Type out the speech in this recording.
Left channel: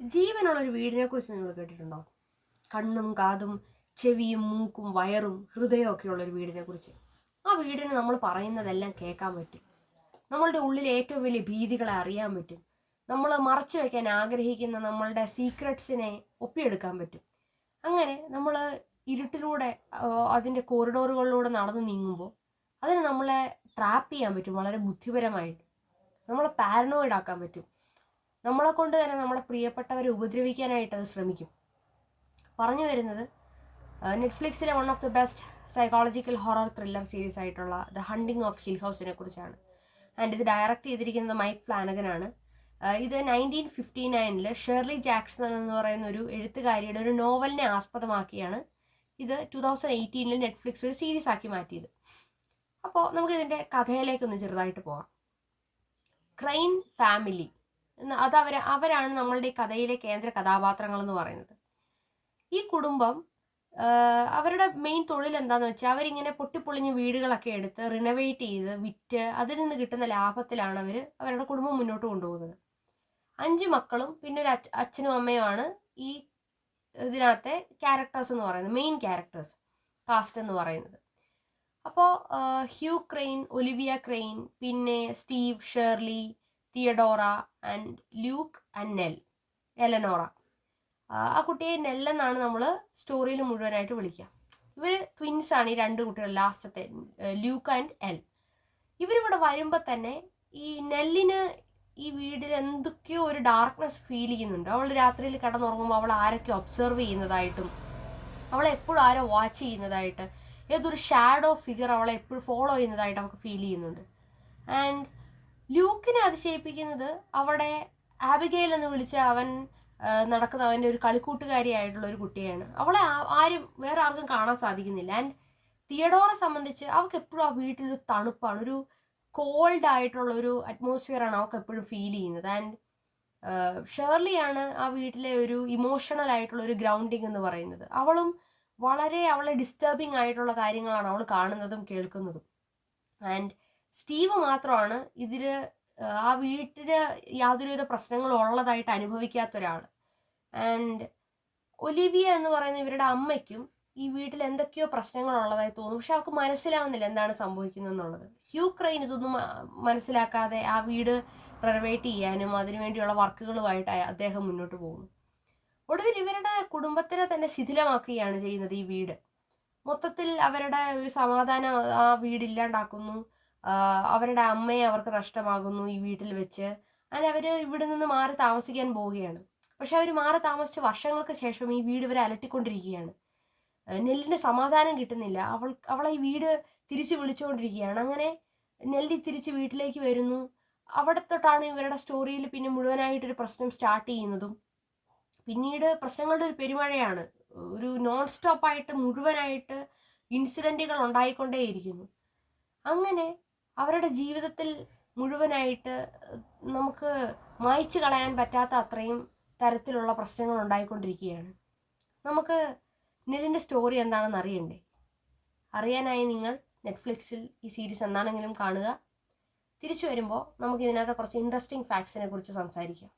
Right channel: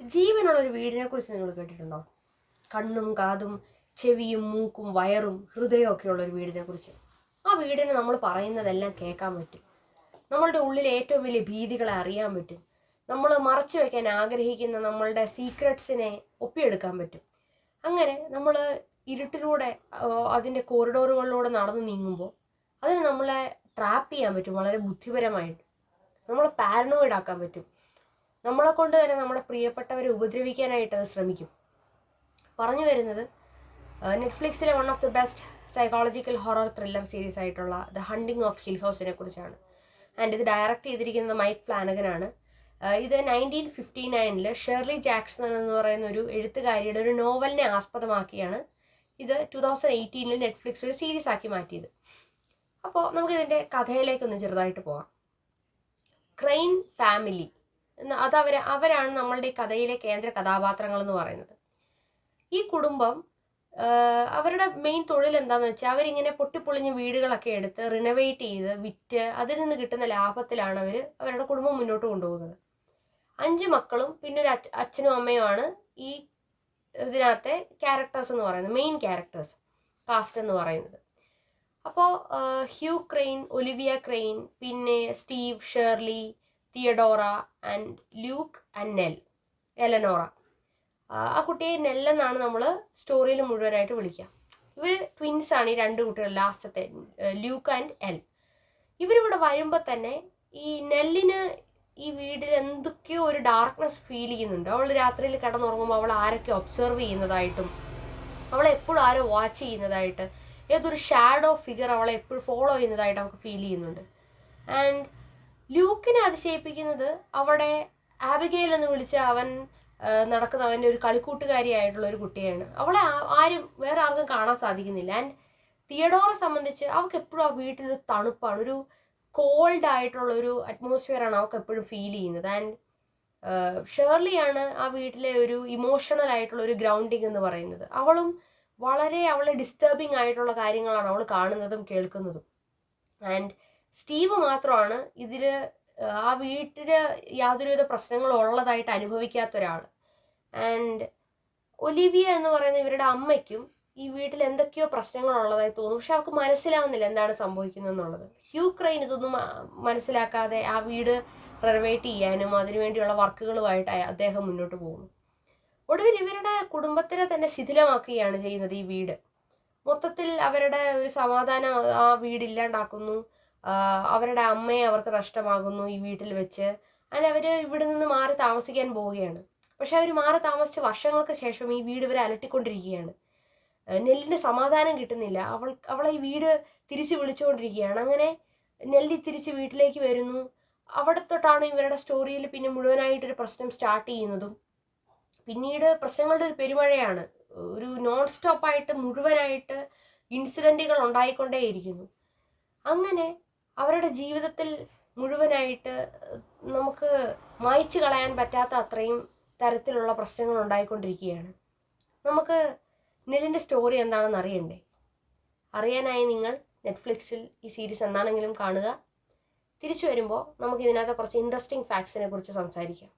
ജീവനുള്ളൊരു വീടിനെ കുറിച്ച് നിങ്ങൾ കേട്ടിട്ടുണ്ടോ? കണ്ണും കാതും ചെവിയും മൂക്കും വയറും ഹൃദയവും ഒക്കെ ഉള്ളൊരു വീടിനെ കുറിച്ച്. ആ വീടിന് നമ്മൾ പറയുന്നതെല്ലാം കേൾക്കാൻ പറ്റും. നമ്മളുടെ ഉള്ളിലെ ഏറ്റവും വലിയ ഭീതികളെ അറിയാൻ പറ്റും. നമ്മൾ മറച്ചു വയ്ക്കാൻ ആഗ്രഹിക്കുന്ന നമ്മളുടെ സീക്രട്സിനെ ഒപ്പിയെടുക്കാൻ പറ്റും. അങ്ങനെ നമ്മൾ ഇരുട്ടിലൂടെ അതിൻ്റെ കോറിഡോറുകളിലൂടെ നടന്നു നീങ്ങുമ്പോൾ അതിന് നമ്മളെ ട്രാപ്പ് ചെയ്യാൻ പറ്റും. വളരെ ബുദ്ധിപരമായിട്ട് നമ്മളെ പാരനോയിഡ് ആക്കാൻ പറ്റും. നമ്മളെ കൊണ്ട് തന്നെ നമ്മുടെ പ്രിയപ്പെട്ടവരെ ഉപദ്രവിക്കാനായിട്ട് അത് ശ്രമിക്കും. പറഞ്ഞു വരുന്നത് നെറ്റ്ഫ്ലിക്സിലെ one of the best psychological horror thriller series ആയിട്ടുള്ള ദ ഹണ്ടിങ് ഓഫ് ഹിൽ ഹൗസിനെ കുറിച്ചാണ്. ആൻഡ് ഇത് ഡയറക്റ്റ് ചെയ്തിരിക്കുന്നത് മൈക്ക് ഫ്ലാനഗനാണ്. ഇത് 1959 ഷേർലി ജാക്സൺ എന്ന് പറയുന്ന ഒരു എഴുത്തുകാരിയുടെ ഒരു നോവലിനെ ആസ്പദമാക്കിയാണ് ഇത് 2018 നെറ്റ്ഫ്ലിക്സ് ഒരു സീരീസ് ആക്കി മാറ്റിയത്. അപ്പോൾ നമുക്കിതിൻ്റെ കഥയിലേക്കൊന്ന് ചെറുതായിട്ട് പോകാം. ക്രെയിൻ ഫാമിലി അവരാണ് നമ്മളുടെ ഈ കഥയിലെ കേന്ദ്ര കഥാപാത്രങ്ങൾ എന്ന് പറയുന്നത്. ഈ കുടുംബം അവരുടെ മെയിൻ തൊഴിൽ എന്താണെന്ന് വെച്ചാൽ അവരിങ്ങനെ പൊട്ടിപ്പൊളിഞ്ഞ് വീടുകളൊക്കെ എടുത്ത് റിനോവേറ്റ് ചെയ്ത് വിറ്റ് അതിൽ നിന്ന് കിട്ടുന്ന ലാഭത്തിലാണ് അവരുടെ കുടുംബം മുന്നോട്ട് കൊണ്ടുപോകുന്നത്. 5 മക്കളും പിന്നെ ഒരു അച്ഛനും അമ്മയുമാണ് ഈ ഇതിനകത്തെ ക്യാരക്ടേഴ്സ് എന്ന് പറയുന്നത്, മെയിൻ ക്യാരക്ടേഴ്സ് കാസ്റ്റ് എന്ന് പറയുന്നത്. അപ്പോൾ ഹ്യൂ ക്രെയിൻ, ഒലിവിയ ക്രെയിൻ, പിന്നെ Steve, Shirley, Theodora and Luke and Eleanor. ആ കുട്ടിയെ നെല്ലെന്നാണ് നമ്മൾ സ്റ്റോറിയിൽ മുഴുവനായിട്ട് വിളിക്കുക. ഇവർ ട്വിൻസാണ്, ഈ 2 കുട്ടികൾ, ലാസ്റ്റത്തെ ലൂക്ക് ആൻഡ് എൽ. ഇവരിവിടെ വരുമ്പോൾ തന്നെ ഈ നെല്ലിന് ഈ വീട്ടിൽ എന്തൊക്കെയോ ഒരു ഡാർക്ക്നെസ് ഫീൽ ചെയ്യുന്നുണ്ട്. അവൾ രാത്രിയിൽ കിടന്നുറങ്ങുമ്പോൾ അവൾ ആരൊക്കെ ഒബ്സർവ് ചെയ്യുന്നതായിട്ടും അവളെ എപ്പോഴും ആരോ വാച്ച് ചെയ്യുന്നതായിട്ട്, ഏതൊരു ഷാഡോ ഫിഗർ അവളെ എപ്പോഴും ഫോളോ ചെയ്യുന്നതായിട്ട് അവൾക്ക് ഫീൽ ചെയ്യുന്നുണ്ട്. ആൻഡ് ലൂക്കിനെ അതിശയിപ്പിക്കുന്നത് അവിടെ ആബിഗെയിൽ എന്ന് വിളിച്ച നടക്കുന്ന അവൻ്റെ ഒരു കളിക്കൂട്ടുകാരിയായിട്ടുള്ള ഒരു കുട്ടിയാണ്. അവളെ വേറെ ആർക്കും കാണാൻ സാധിക്കുന്നില്ല. ആൻഡ് തിയഡോറെ സംബന്ധിച്ച് അവൾക്ക് എപ്പോഴും ആ വീട്ടിലൊരു തണുപ്പാണ്, ഒരു കോൾഡ് ആയിട്ടുള്ള ഒരു അറ്റ്മോസ്ഫിയറാണ് അവൾക്ക് എപ്പോഴും ഫീൽ ചെയ്യുന്നത്. ആൻഡ് ഷേർലിയാണ് ആ വീട്ടിലെ ഒരു ഇമോഷണൽ ആയിട്ടുള്ള ഒരു ഗ്രൗണ്ടിങ് എന്ന് പറയുന്നത്. അവളെ ഡിസ്റ്റർബിങ് ആയിട്ടുള്ള കാര്യങ്ങളാണ് അവൾ കാണുന്നതും കേൾക്കുന്നതും. ആൻഡ് സ്റ്റീവ് മാത്രമാണ് ഇതിൽ ആ വീട്ടിൽ യാതൊരുവിധ പ്രശ്നങ്ങളും ഉള്ളതായിട്ട് അനുഭവിക്കാത്ത ഒരാൾ. ആൻഡ് ഒലിവിയ എന്ന് പറയുന്ന ഇവരുടെ അമ്മയ്ക്കും ഈ വീട്ടിൽ എന്തൊക്കെയോ പ്രശ്നങ്ങൾ ഉള്ളതായി തോന്നും, പക്ഷെ അവർക്ക് മനസ്സിലാവുന്നില്ല എന്താണ് സംഭവിക്കുന്നത് എന്നുള്ളത്. ഹ്യൂ ക്രെയിൻ ഇതൊന്നും മനസ്സിലാക്കാതെ ആ വീട് റിനോവേറ്റ് ചെയ്യാനും അതിനുവേണ്ടിയുള്ള വർക്കുകളുമായിട്ട് അദ്ദേഹം മുന്നോട്ട് പോകുന്നു. ഒടുവിൽ ഇവരുടെ കുടുംബത്തിനെ തന്നെ ശിഥിലമാക്കുകയാണ് ചെയ്യുന്നത് ഈ വീട്. മൊത്തത്തിൽ അവരുടെ ഒരു സമാധാനം ആ വീടില്ലാണ്ടാക്കുന്നു. അവരുടെ അമ്മയെ അവർക്ക് നഷ്ടമാകുന്നു ഈ വീട്ടിൽ വെച്ച്. അങ്ങനെ അവർ ഇവിടെ നിന്ന് മാറി താമസിക്കാൻ പോവുകയാണ്. പക്ഷെ അവർ മാറി താമസിച്ച് വർഷങ്ങൾക്ക് ശേഷം ഈ വീട് ഇവരെ അലട്ടിക്കൊണ്ടിരിക്കുകയാണ്. നെല്ലിന് സമാധാനം കിട്ടുന്നില്ല. അവളെ ഈ വീട് തിരിച്ച് വിളിച്ചുകൊണ്ടിരിക്കുകയാണ്. അങ്ങനെ നെല്ലി തിരിച്ച് വീട്ടിലേക്ക് വരുന്നു. അവിടെ തൊട്ടാണ് ഇവരുടെ സ്റ്റോറിയിൽ പിന്നെ മുഴുവനായിട്ടൊരു പ്രശ്നം സ്റ്റാർട്ട് ചെയ്യുന്നതും. പിന്നീട് പ്രശ്നങ്ങളുടെ ഒരു പെരുമഴയാണ്. ഒരു നോൺ സ്റ്റോപ്പായിട്ട് മുഴുവനായിട്ട് ഇൻസിഡൻറ്റുകൾ ഉണ്ടായിക്കൊണ്ടേയിരിക്കുന്നു. അങ്ങനെ അവരുടെ ജീവിതത്തിൽ മുഴുവനായിട്ട് നമുക്ക് മായ്ച്ചു കളയാൻ പറ്റാത്ത അത്രയും തരത്തിലുള്ള പ്രശ്നങ്ങൾ ഉണ്ടായിക്കൊണ്ടിരിക്കുകയാണ്. നമുക്ക് നെല്ലിൻ്റെ സ്റ്റോറി എന്താണെന്ന് അറിയണ്ടേ? അറിയാനായി നിങ്ങൾ നെറ്റ്ഫ്ലിക്സിൽ ഈ സീരീസ് എന്താണെങ്കിലും കാണുക. തിരിച്ചു വരുമ്പോൾ നമുക്ക് ഇതിനകത്ത് കുറച്ച് ഇൻട്രസ്റ്റിംഗ് ഫാക്ട്സിനെ കുറിച്ച് സംസാരിക്കാം.